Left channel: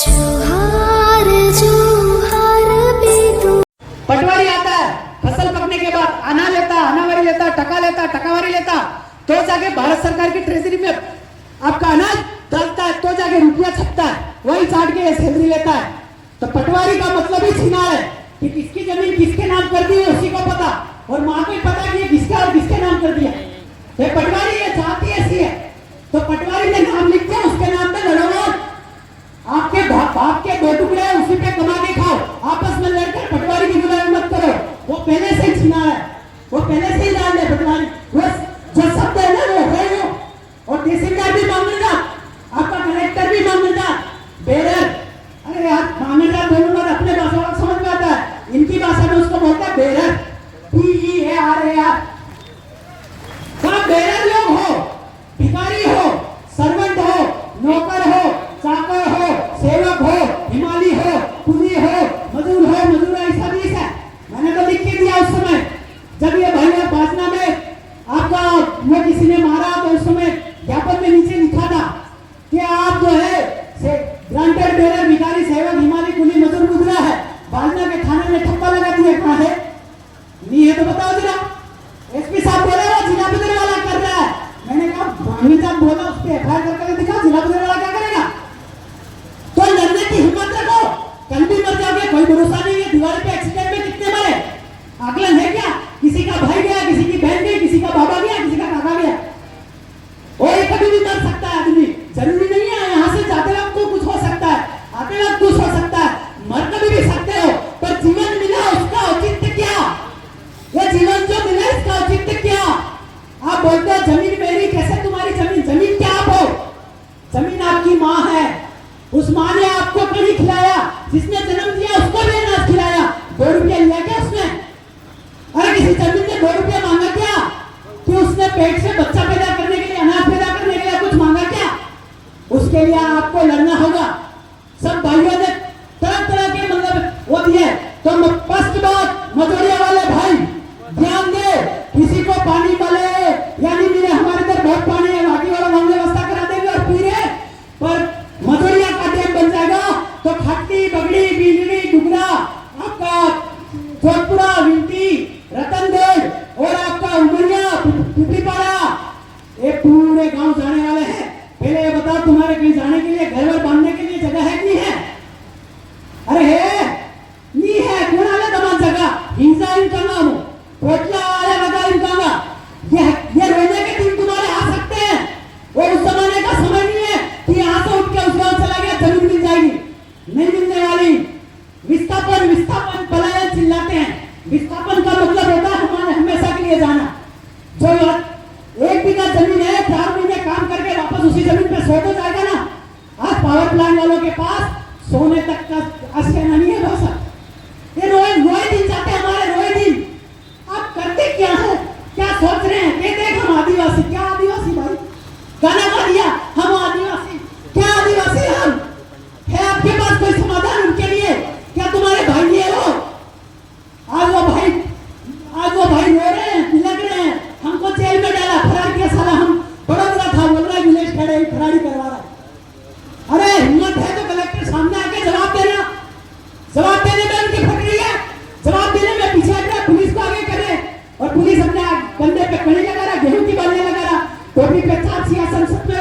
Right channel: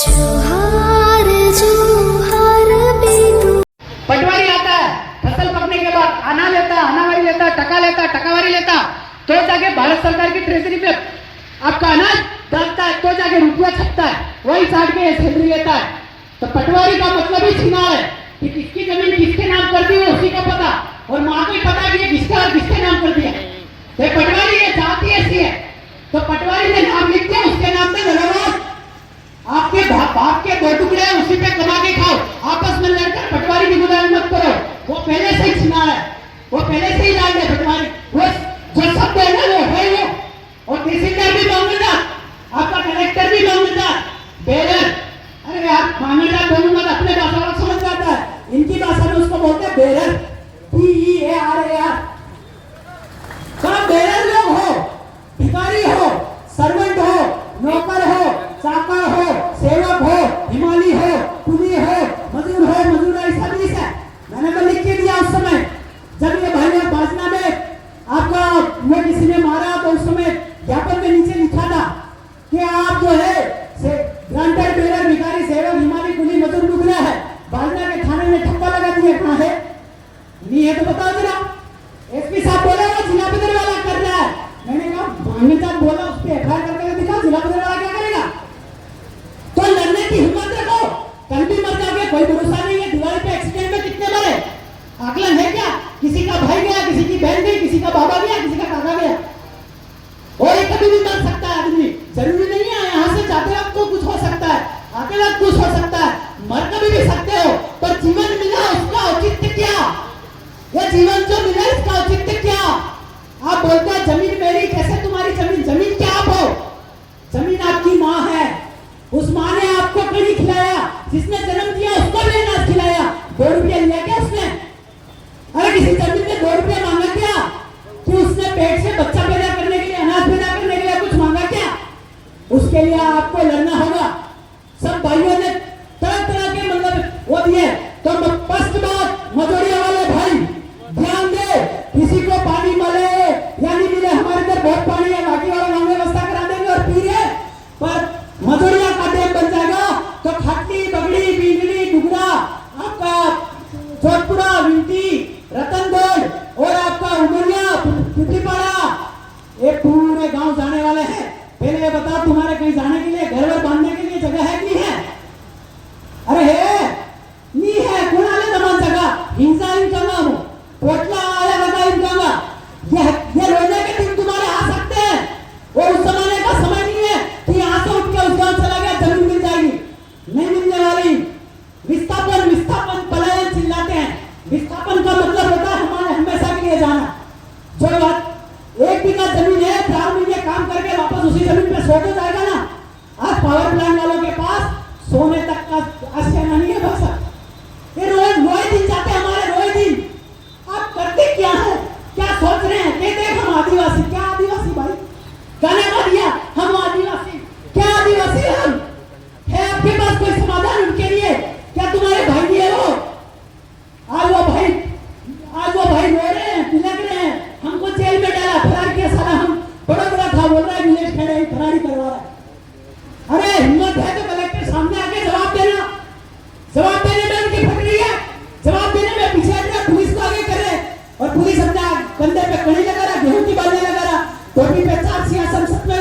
जोहार जोहार बेदू पटवारी आता है, फसल पकने के बाद आना लेता, आनावारी लेता, टकावारी लेता, तो जाके भारत सरकार की ट्रेजरी में आपका अनाज डालता है, तो जाके रुपया छपता है, वही चाट के सैलरी लेता है। तो पटवारी का मतलब ही छीना है कि किसकी जमीन किसके नाम कर दी है उसी को पता, और माँ को पता कि किसके और किसके नाम कर दिया। ये पटवारी ये जाति ऐसी है, तो पटवारी ने नाम लिख दिया, उसके नाम पे लड़ो, आपके बाप के दो टुकड़े हैं, उसी पे कमा के खाओ, आपस में लड़कर पटवारी की गुलामी मत करो। वो पहले से ही छिना है, वो पहले से ही लाल है पटवारी, वो जो सब है ना वो है वो। और तहसीलदार भी मामलेदार, आपका कलेक्टर भी मामलेदार, बेरर। अरे यार मामलेदार बोलूंगा तो अपने भाषा में समझ में आता है, इनकी भाषा में उसको बोलते हैं बेरर, PERAR। सब बेरर लोग हो, भिखारी हो, सर्वेंट हो, नौकर हो, चाकर हो, सेवक हो, हिमाली हो, कुली हो, मजदूर हो, मजदूर ऐसा भी है। मैंने तो लिख के दिया उस समय जब ये भाई बाजना में आपका में किसी ने मारा, तो उस समय ज्ञापन में नीचे लिखा था कि आप जो है ग्रांटेड बेरर, भिखारी, सेवक, हिमाली, कुली, मजदूर गुजरा है, बाजना के थाने में ठप्पा लगा दिया। कहाँ है? नहीं है तो बताओ जरा। SP साहब बोला वो जिला बदलने वाला कर रहा है। मैंने कहा मामले साहब बोला, उस पे FIR करके दिखा, जिला बदलने वाला क्या करेगा? तो लड़ने की हिम्मत रखो, कल भी मर जाओगे, कोई भरोसा नहीं है। दिवाली पे एक्सीडेंट में कितने मरे, आकलन है क्या? किसी का भाई गया, किसी की बहन गई, किसी का बाबा गया, किसी का काका गया। और ये कभी भी मर सकता है आदमी, जरूरी नहीं है यहाँ से जाते वक्त तो कुछ हो सकता है, आते वक्त कुछ हो सकता है, मर कभी भी सकते हो, पर जीवन मिला उसका औचित्य क्या? यह जीवन जो मिला इसका औचित्य क्या? आप बोलते हो जमीन मेरी, कैसे तुम्हारी जमीन? जमीन क्या आप हो? जमीन आपकी माँ है, उस माँ ने आपको कहीं खिलाया, जिसने जन्म दिया उसको भी अनाज खिलाया। 2 रुपया लिया क्या उसने? अरे किसी जमीन ने 2 रुपया मांगा क्या? कि उसने पेट से बच्चा पैदा करने के लिए, अनाज पैदा करने के लिए कुछ मांगा क्या? उसके लिए आपको लड़ना होगा। सब भाइयों ने तरह तरह के मतलब वो दिए। तो स्पष्ट बात, मजदूरी वाले भाई ध्यान दे, किसी को पानी मिले या नहीं मिले, हमारे इधर बहुत पानी है, बाकी वाले हम व्यवस्था करा देंगे और पी रहे, पर मधुरिया का डैम बन जाएगा तो खट्टी, बगड़ी, बीगड़ी, डुगरा, आपका जोधपुरा, विंटी, रतनगढ़ और आपका उमरिया, पिपलीपाड़ा, ये पूरे गांव जाने वाले हैं। पहले ये बताओ तुम्हारे कहीं जाने के लिए, घर वर बांधने के लिए जगह है कि नहीं है? अरे है नहीं है? कौन आले तमाम जगह हिंसा इनका नाम पोटला वाला लगा इनका नाम। ये रोने के दिन तुम्हारे आ सकते हैं, वो उस जमाने का समय नहीं है कि यहाँ से उठ के उस गांव चला गया जमीन मिल जाएगी, नहीं मिलने वाली। विस्थापन विस्थापन पलायन चिल्लाते हैं, विस्थापन का मतलब होता है हमारे हमेशा के लिए जाना। जो 1 बीघा जमीन है, 4 महीने काम करके वापस उसी जमीन पे सो तो जाएगा ना। आज पावर प्लांट वालों के पास सोने तक का आशियाना नहीं है बस। ये रोए दिन जाते हमारे, रोए दिन। आप करते क्या है, क्या सोच रहे हैं? कहते हैं हम आदिवासी। क्या आदिवासी भाई? गाना गा दिया हम आदिवासी। क्या आदिवासी हम है? आपके पास कोई समाधान उनके लिए? क्या तुम्हारे भाई है वो? आज वो भाई रो रहे हैं, बिलख रहे हैं, हमको जेल में डाला, फरार किया साला। हम बड़ा था, बोल रहा है विलेज खड़े फरारी करवा रहा है। अरे हिम्मत है तो कलेक्टर सामने आके जवाब देना। जवाब देने में उनकी फट रही है, जवाब देने में पीछे हट रहा, पुलिस को आगे कर रहे, और पुलिस अपना कंधे पे कड़ी लगा रहा, गेहूं की बालियां लगा रहा, टोपी पे 4 सिया संसद में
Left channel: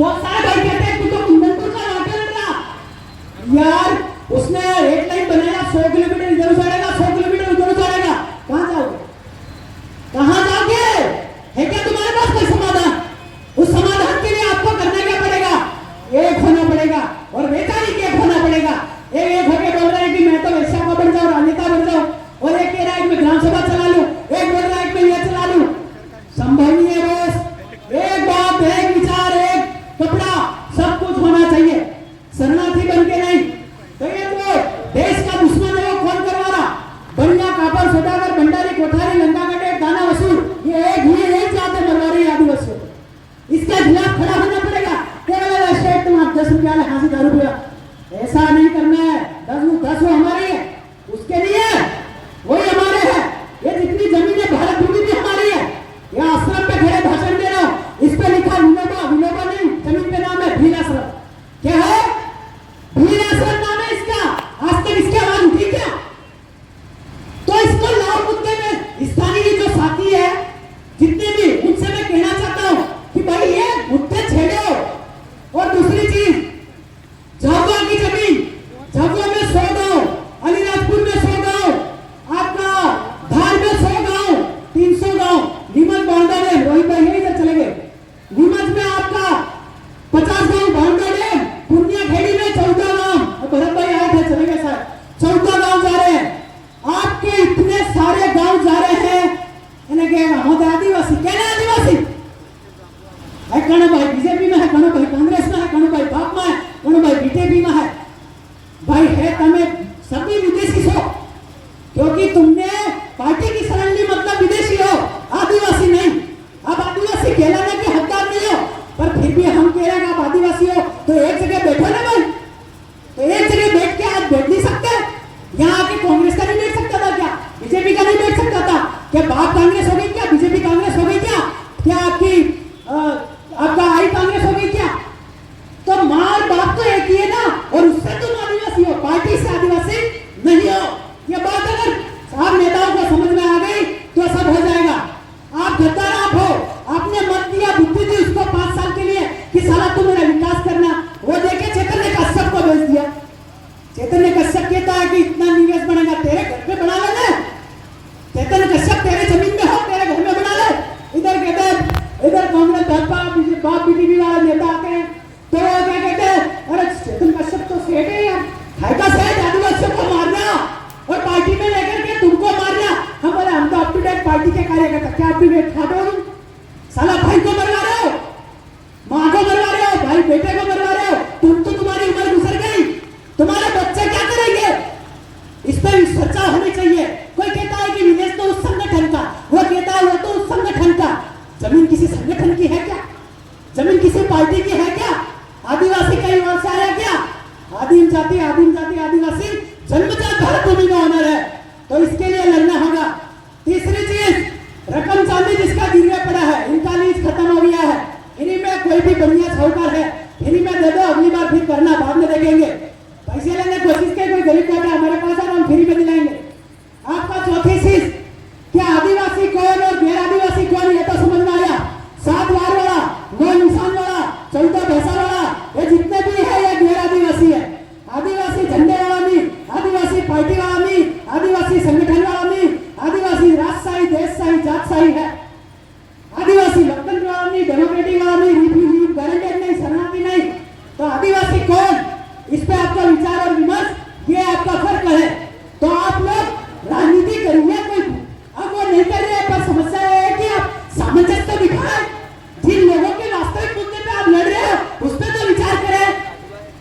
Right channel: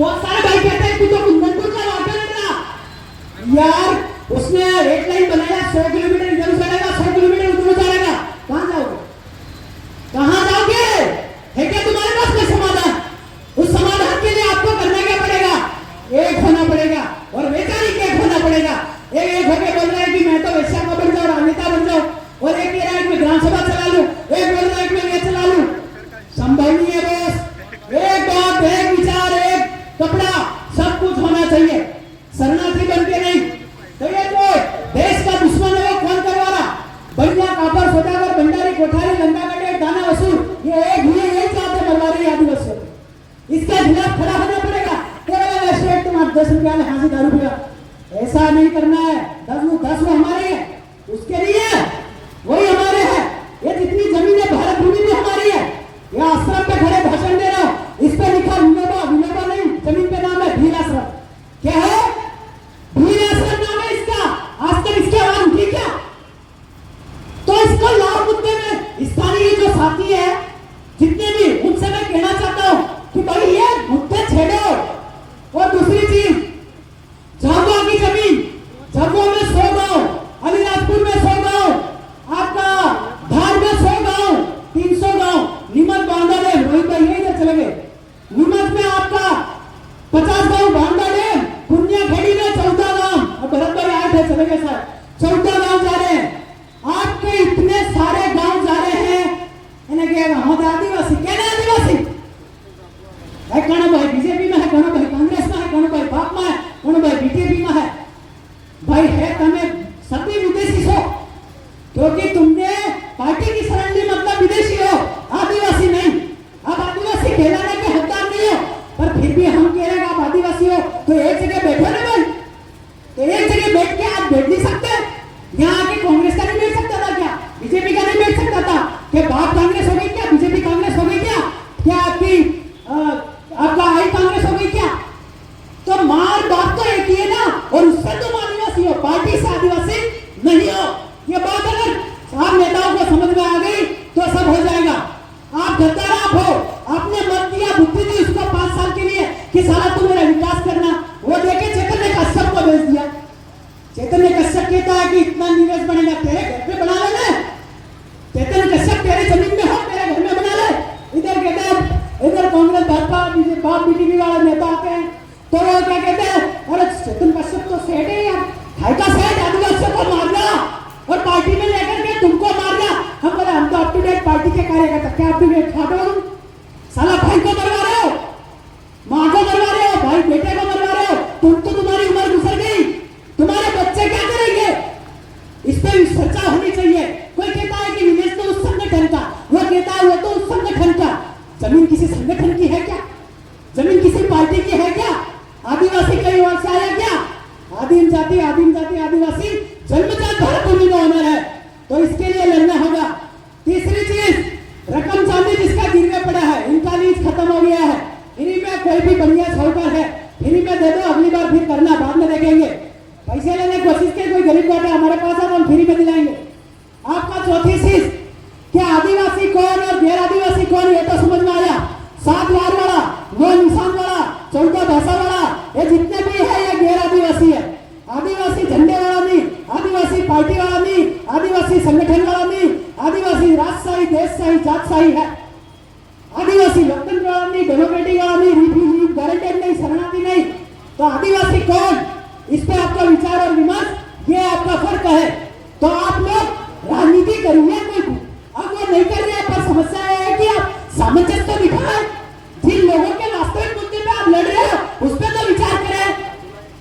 बहुत सारे भाई कहते हैं तू तो कुंदनपुर का वाटर लड़ रहा यार। उसने एक लाइन बनाया 100 किलोमीटर इधर उतारेगा 100 किलोमीटर उधर उतारेगा, कहाँ जाओगे, कहाँ जाओगे? है क्या तुम्हारे पास कोई समाधान? उस समाधान के लिए आपको करना क्या पड़ेगा? एक होना पड़ेगा और वैचारिक एक होना पड़ेगा। एक होके बोल रहे हैं कि मैं तो वैश्या का बन जाऊं, राजनेता बन जाऊं, और एक कह रहा है कि मैं विधानसभा चला लूं, एक बोल रहा है कि मैं ये चला लूं। संभव नहीं है बॉस। एक बात, एक विचार, एक कपड़ा, सब कुछ होना चाहिए। शरणार्थी बन के नहीं। देखिए जो देश का दुश्मन है वो कौन करवा रहा? बनिया कापर सौदागर भंडारी कोठारी लंगा गड्ढे दाना वसूल, ये एक जाते मरवा रही आदिवासियों को। इसके खिलाफ खड़ा होना पड़ेगा। केवल स्टेट तुम 10 रुपया ले, हाँ से 10 रुपया, ऐसा नहीं करना है। 10 वो हमारे है, उसके लिए वही हमारे है। ये जितनी जमीन है भारत भूमि भी हमारी है। ये आश्रम पे खड़े भाषण दे रहे हो, इस पे लिखा विलोबा, विलोबा नहीं, जमीन पे नाम है भील आश्रम। क्या है? भील आश्रम नाम है इसका। आज तक इसकी आवाज उठी क्या? तो इसको लाभ मुद्दे में स्थानीय जो साथी है जितने भी, उनसे मैं कहना चाहता हूं कि भाई ये मुद्दे छेड़ो। और दूसरी चीज, झाबुआ की जमीन, झाबुआ में 100 गांव, अलीराजपुर में 100 गांव, आपका धार में 100 गांव, 300 गांव, नीमच बांधा डैम, रोहित भाई यही इधर चले गए। नीमच में आपका 50 गांव बांधा डैम, पुनिया खेड़ी में 14 गांव, और भरत भाई आए थे चले गए सर, 14 गांव जा रहे हैं। आपके इतने सारे गांव जा रहे हैं, इन्हें कहेगा हम आदिवासी, कहने आदिवासी है। कौन भाई बीजेपी में है, कौन भाई कांग्रेस में है, कौन भाई बाप में है, कौन भाई बीजेपी में है। भाई है तुम्हें सभी विदेशी हो, क्योंकि तुमने पार्टी की शरण ली, मतलब विदेशी हो, आदिवासी नहीं। अब आदिवासी कहलाने के हकदार नहीं हो, पर फिर भी हम कह रहे हैं आप आदिवासी हो, तो एक जगह बैठो ना भाई। तो एक जगह बैठ के आप बैठ नहीं सकते? यहाँ आके कांग्रेस का नहीं बैठ सकता था क्या? बीजेपी का नहीं बैठ सकता था क्या? बाप कांग्रेस हो गई क्या? बीजेपी कांग्रेस हो गई क्या? क्या आपका आई कांग्रेस हो गई क्या? तो मार बाप तो एक ही है ना, और उससे तुम आदिवासी हो, पार्टी से आदिवासी नहीं हो। ये बात अगर आप नेताओं को समझ में आ गई तो सब हो जाएगा। आप गद्दार आप हो, आपने मत दिया, बुद्धि दी उसको 5 साल के लिए कि साला तुम मेरा विकास करना। वो देखे चैतन्य कश्यप को भेज दिया। चैतन्य कश्यप कहता है कि इतना निवेश बनेगा, तेरे घर पे बना ले। चैतन्य कश्यप तेरे जमीन में हो, तेरे घर में बना ले। इधर कहते हैं, इधर कांग्रेस बाप बीजेपी वाले नेता आते हैं तो वो क्या कहते हैं, अरे चेतन कश्यप तो सेठ है यार, है का सेठ, आदिवासियों को मारना और पार्टी में लेकर के तुमको मारना। हम बोले हम तो अप टू डेट पार्टी के कार्यकर्ता। क्या अप टू डेट खा दो? साला भाई को मरवा रहे हो, माँ को मरवा रहे हो, भाई बेटे को मरवा रहे हो। तुम तो तुम्हारी उम्र गुजर गई, तुम्हारे बच्चे क्या करेंगे? इस पर चर्चा होनी चाहिए। कोई कहता है कि विदेश तो उस संगठन का, वो कहता है वो तो उस संगठन का। जमीन किसी संगठन की है क्या? जमीन किसी पार्टी की है क्या? आदिवासी कई और से आया क्या? आदिम जाति आदिवासी जन्मजात भारत भूमि का ऑनर है, तो इसके लिए लड़ना होगा। तीसरी चीज, रकम चांदी जिसका गिरने पड़ा है, इनका लीज खत्म हो गया है। इन्हीं में कोई भी बढ़िया साहूकार है, इन्हीं में दे दो, अगली बार फिर करना, बाद में देखेंगे। पैसे लेने की कोशिश के, कोई गरीब बैठा हमारे पास है तो हम फ्री में दिलाएंगे। आपका चौथी चीज, क्या आदिवासी कौन और गैर आदिवासी कौन, ये तो समझ में आया। 7 वार वाला, 9 निशान वाला, 14 भाषा वाला, ये जितने भी है ये गैर आदिवासी है। आदिवासी झंडे वाला नहीं, आदिवासी पार्टी वाला नहीं, आदिवासी संगठन वाला नहीं, आदिवासी राजशाही देशशाही जातशाही है। आदिवासी लोकतंत्र वाला नहीं, डेमोक्रेटिक वाला नहीं, रिफ्यूजी गारंटेड नहीं, शरणार्थी नहीं। तो आदिवासी कौन, इस पे आपका विचार और विमर्श, ये आपका फर्क है। तो आप लोग राजनीति करिए, कोई अब वो नहीं कर रहे, पर समस्या है कि आप सामंजस्य दिखाएं। जिन लोगों के वास्तविक मुद्दे पे आप लड़ रहे हो उस पर तो विचार करें।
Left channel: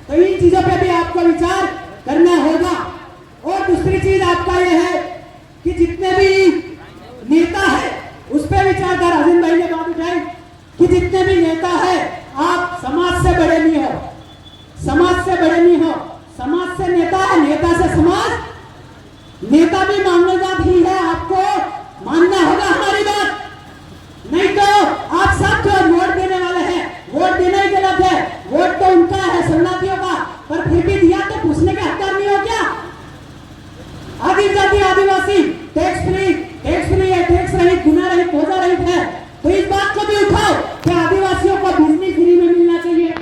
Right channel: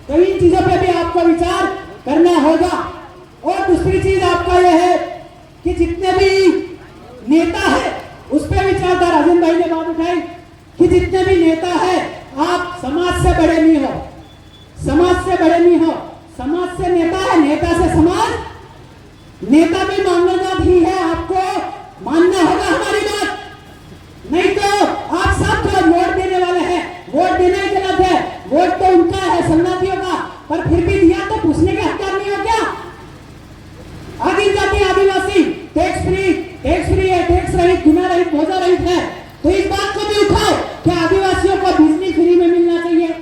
तो इन चीजों पे भी आपको विचार करना होगा। और दूसरी चीज आपका यह है कि जितने भी नेता है उस पर विचार था। राजन भाई ने बात उठाई कि जितने भी नेता है, आप समाज से बड़े नहीं हो, समाज से बड़े नहीं हो। समाज से नेता है, नेता से समाज, नेता भी मानवजात ही है। आपको मानना होगा हमारी बात, नहीं तो आप सब जो वोट देने वाले हैं, वोट देना ही गलत है। वोट तो उनका है, शरणार्थियों का, पर फिर भी दिया तो पूछने के हकदार नहीं हो क्या? आदिम आदिवासी टैक्स फ्री है, टैक्स रहित, गुना रहित, भोजन रहित है। तो इस बात को भी उठाओ कि आदिवासियों को बिजली फ्री में मिलना चाहिए,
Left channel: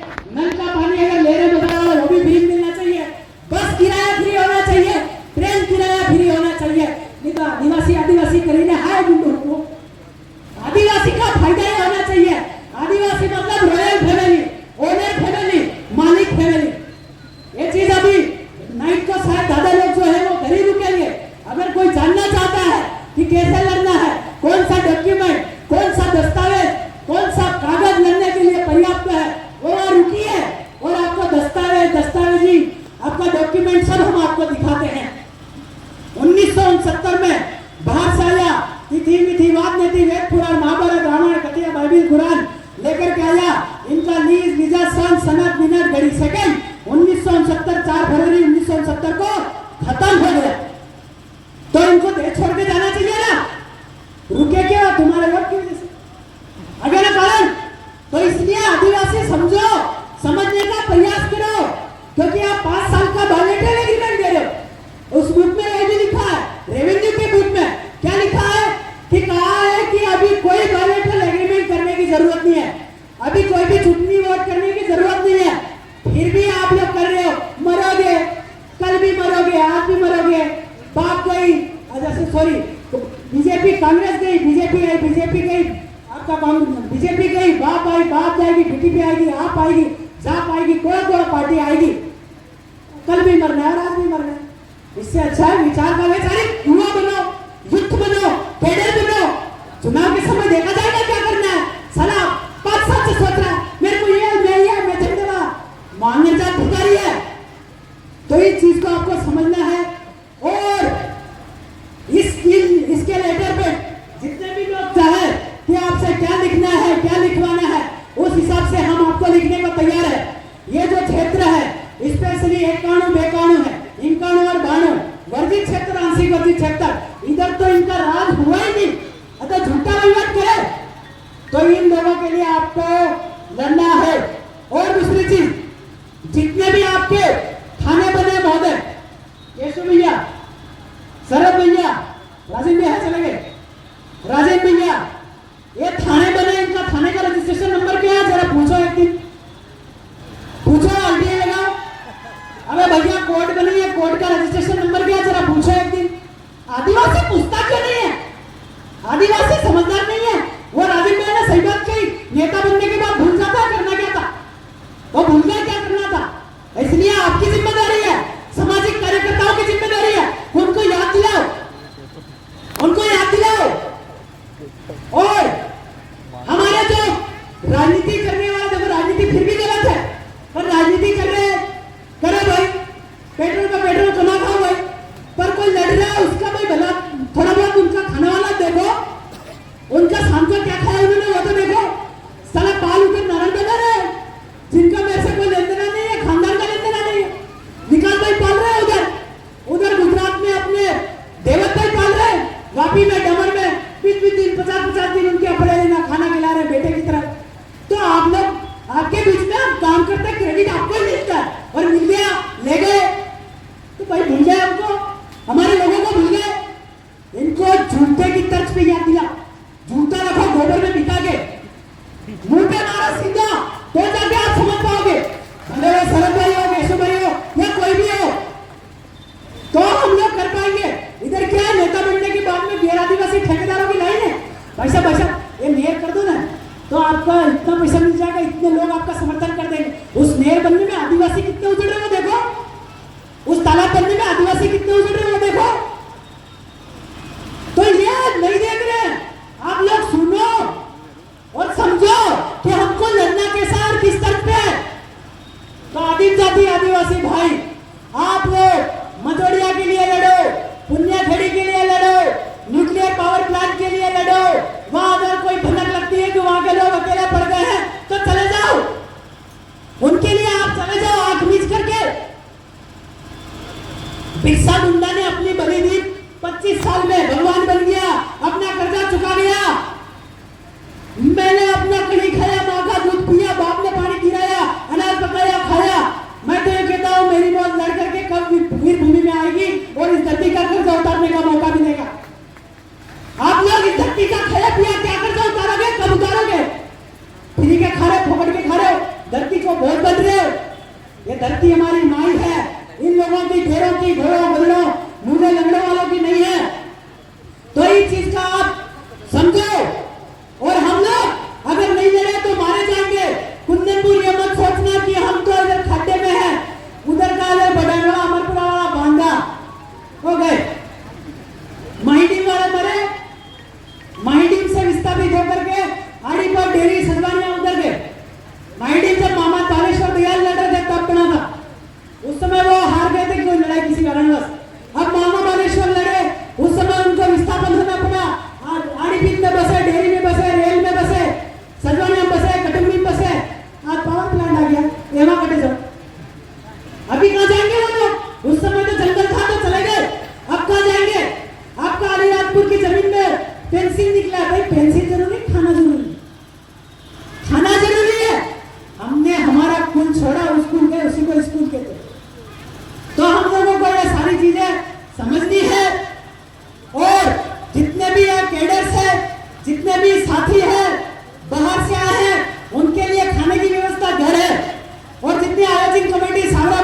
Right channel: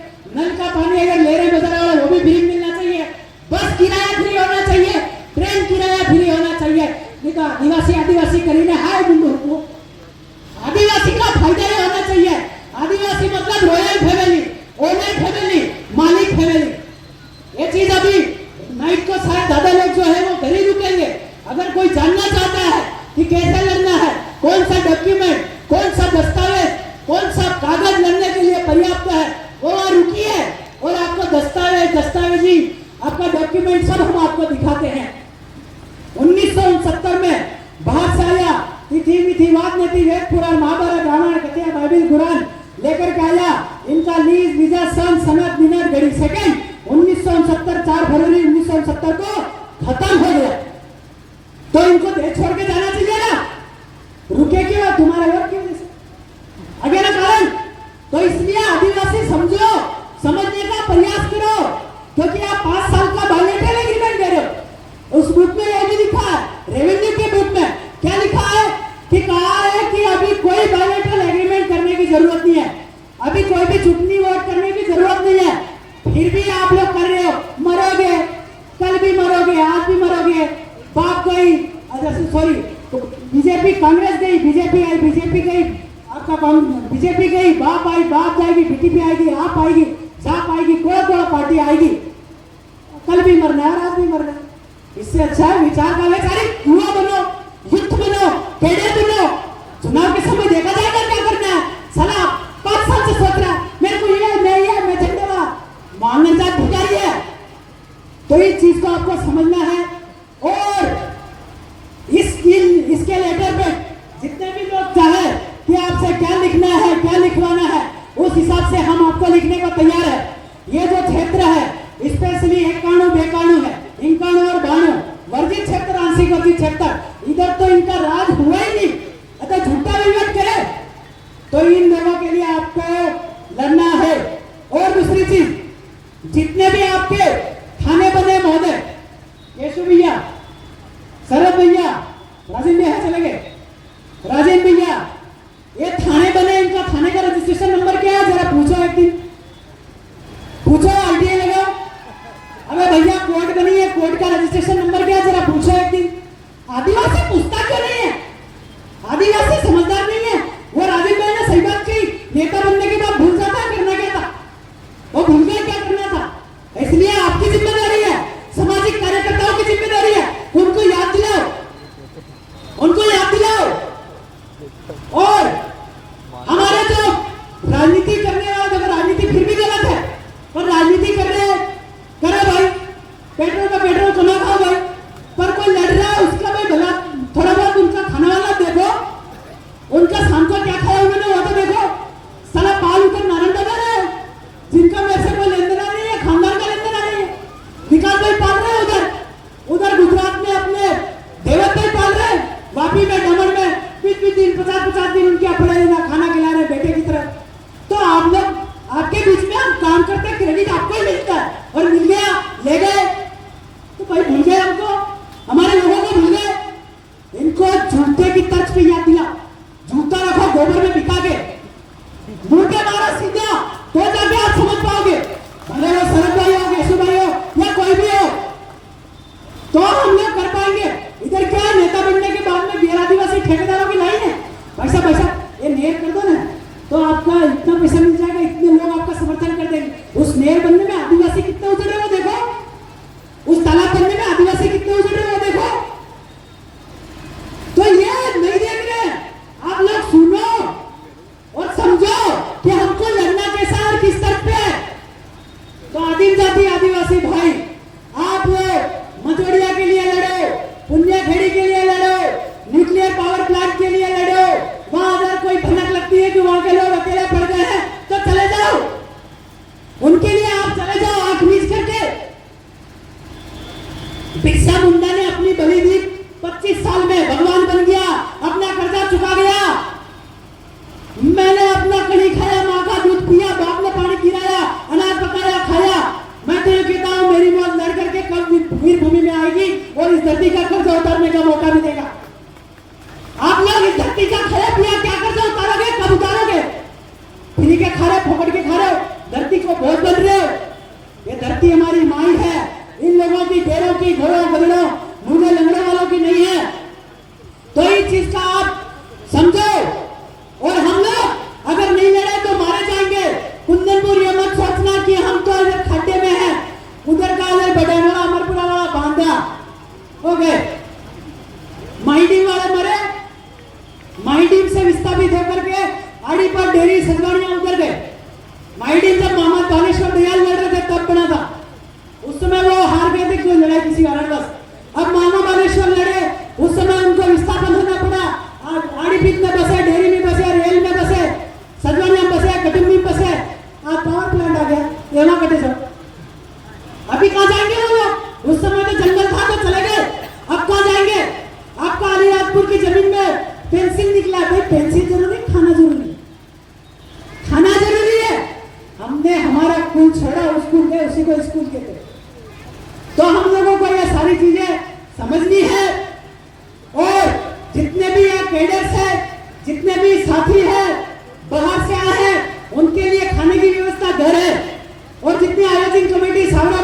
रुकेगा ये चीज अभी नाइट को शायद ज्यादा लोग जो है वो घर ही रुकेंगे। अगर कोई जानना चाहता है कि कैसे लड़ना है, कौन सा डॉक्यूमेंट, कौन सा दस्तावेज, कौन सा कागज लड़ने के लिए पर्याप्त है, वो वहां रुकिए और आपको दस्तावेजी आपका डॉक्यूमेंट सब हम आपको दिखाते हैं। 1969 में बाहर से आया तिथि वाद नेति वेद पुराण महाभारत रामायण कथिया बाइबिल कुरान लेकर के आया। इनका लीज लीजा सन सनद मिनट घड़ी सेकंड 1969 4 फरवरी 1969 को खत्म हो गया। तो इनको देश छोड़ के जाना चाहिए ना, रुके क्यों? तुम्हारे वोट की वजह से आगे ना कारण। तो इसलिए आदिवासी समझो, समझने का प्रयास करो, क्योंकि आप 5 साल का बायोमेट्रिक एग्रीमेंट दे रहे हो। उस बुक में ये भी लिखा है, रेवेन्यू के बुक में क्या लिखा है कि कहा है कि अभी कोई बायोमेट्रिक एग्रीमेंट करने की जरूरत नहीं है, अभी कोई भी चुटनी वोट करने की जरूरत नहीं है। फिर भी आप लोग कर रहे हो, मरोगे, कल भी मरोगे, आज भी मरोगे। बाप गई, सॉरी बीजेपी, कांग्रेस गई, बीजेपी आई, बीजेपी गई, आपका बीजेपी गई, बाप आई, बाप जाएगी, बीटीपी आएगी, आप आएगी, जाप आएगी, कोई पार्टी आएगी। कल भी मरना है और आज भी मरना है। इससे अच्छा है विचार का वैचारिक युवा बनो, युक्त बनो, कैडर बनो। चुनाव के समय देखा जाएगा क्या करना है। साला 5 साल से सोच रहा है मेरे को ये मैं झंडे वाला मांगने जात भिखारी है। तो इस चीज को आपको समझना है। और इसके लेटर पे जितने भी लोग चाहे कि आपसे क्या लिखना है, क्या लिखवाना है, उस हिसाब से हम आपको लिखने को तैयार है। ये जो क्षेत्र है स्पेशली 91 92 है, 91 और 92 वर्जित क्षेत्र, आंशिक वर्जित क्षेत्र, इधर तो इनका राज हुआ ही नहीं। अगर झूठा विवाद करे तो इन लोगों के लिए आपको लड़ना है। और दूसरी चीज, जितने भी आपके थाने बने महोदय, केशव भैया, शरद भैया, राजीव भैया चले गए, राजीव भैया, ये थाने बने, इनका थाने का रजिस्ट्रेशन नंबर क्या है जरा पूछो, एक दिन पूछो, आईटीआई लगाओ। अरे भैया कोर्ट बनी है, कोर्ट का रजिस्ट्रेशन नंबर क्या है जरा पूछो एक दिन। आदिवासी पूछता क्यों नहीं है? आदिवासी समझदार नहीं है। वो राजीव भाई ने सही बात कही, नेता बनने के बाद भूल जाता है करना क्या था, वो भूल गया क्या करना था। इसलिए आपकी जिम्मेदारी है, सामाजिक कार्यकर्ताओं की जिम्मेदारी है, उनको याद दिलाओ, उनको याद दिलाओ। और हमारे जो राजनीति करने वाले, देखो राजनीति फिर भी गलत है, पर राजनीति कर रहे हैं, करो भाई, पेट्रोल का पेट्रोल कमा खाओ भाई, पर कोई लड़ रहा है उसका भाई भला थोड़ा बहुत उनका खाने वाला देखो, उनका शाम को क्या खाया उन्होंने वो तो देखो। साला पाल उतर नारंग बना रहे हैं, जिनका मेरे से कोई लेन देना नहीं है, खानदान का लेन देना नहीं है, निकाल भाई पाल रहे हैं उधर गुजरात में अपने देवत भाई पाल रहे हैं, वापी में डमर में 20 दिन 50 दिन उनके अपने लेना खाना खिला रहे बेटे की तरफ। तो आप लोग आपके बीच में हम काम करते, क्रेडिट आपको ही मिलता है, और मिल गया ले गए तो भाई भूल गए हमको, हमारे लोगों को भूल गए। इनको जूते की तर्ज पे याद दिला, जूता रखो गोबर में पिता के, मुंह पे मारो सीधा, तो जाके आप समझ पाओगे। भले वो शरद भाई हो, केशव भाई हो या कोई भी हो, तो हम लोग कर पाएंगे। इधर क्या है, नेता बनने के बाद में गैर आदिवासी ठेकेदारों की लाइन है, पैसा ये मेयर कर दो ना तो आपका इतना पैसा मिल जाएगा, इतने लोग आपका समर्थन कर देंगे। उस मेयर बनने में आदिवासी कितने उजड़ रहे हो देखो, उस तालाब बनने में आदिवासी कितने उजड़ रहे हो देखो। तो ये नहीं देख रहे, आप लोग सुनो और समझो कि हमको लड़ना कैसा और किस तरफ पे है। तो आदिम जाति आदिवासी भाई, आप लोग मजोड़िया के लिए लड़ो, पुण्यखेड़ी के लिए लड़ो, न्यूक्लियर पावर प्लांट के लिए लड़ो। वहां अगर कोई भनक लगती है कि वहां के लोग अकेले पड़ गए हैं तो चले जाओ, उनके लिए आप चले जाओ आंख मीच करके। बिरसा मुंडा ने अपनी बलि दी, 25 साल में भगवान बन गया, अपना कर्जा चुका गया। मैंने अपना कली खाया, माँ का दूध पिया, बाप ने पानी गिराया, अनाज पकाया खाया। मैं तो ये कहता हूँ मेरी मौत लड़ करके कब वीर भूमि में आएगी और इस धरती का कर्जा उतारने का मौका मिलेगा। आप लोग इस धरती का खाया पिया क्या कर्जा उतारोगे, कब उतारोगे? फ्री के खा रहे, फोकट के खा रहे हो, धरती को बहुत बच रहे हो। ये धरती हमारी माई है, इन लोगों की, ढेरों की, घरों गलड़ों लूढ़े लंगड़ों वालों की नहीं है। तो इस चीज का आप समझो। और हम लोग अगर नहीं लड़े तो मारे जाएंगे। कुंदनपुर ये मत सोचना कि हम तो इधर खड्डे में है, गया, ये वहां कटे जाओ। अभी कहाँ जाएंगे वो लोग? उस समय तो जंगल था तो चले गए, अब कहाँ जाएंगे? आपका अलीराजपुर की जमीन में पेंसिल निकला, भाई पेंसिल जरूरी, खाना जरूरी, खाना जरूरी है। हमने हमारा कुल छोड़ा, उस कुल गए, उसी को स्कूल कहते हैं। तो हम लोगों को ये सारी चीजें समझनी है, और जितने भी ये कैडर्स है, जितने भी साथी हैं बाहर से आए हैं, उनके लिए खाने की व्यवस्था घर है, और जितनी आयोजन कमेटी सावरा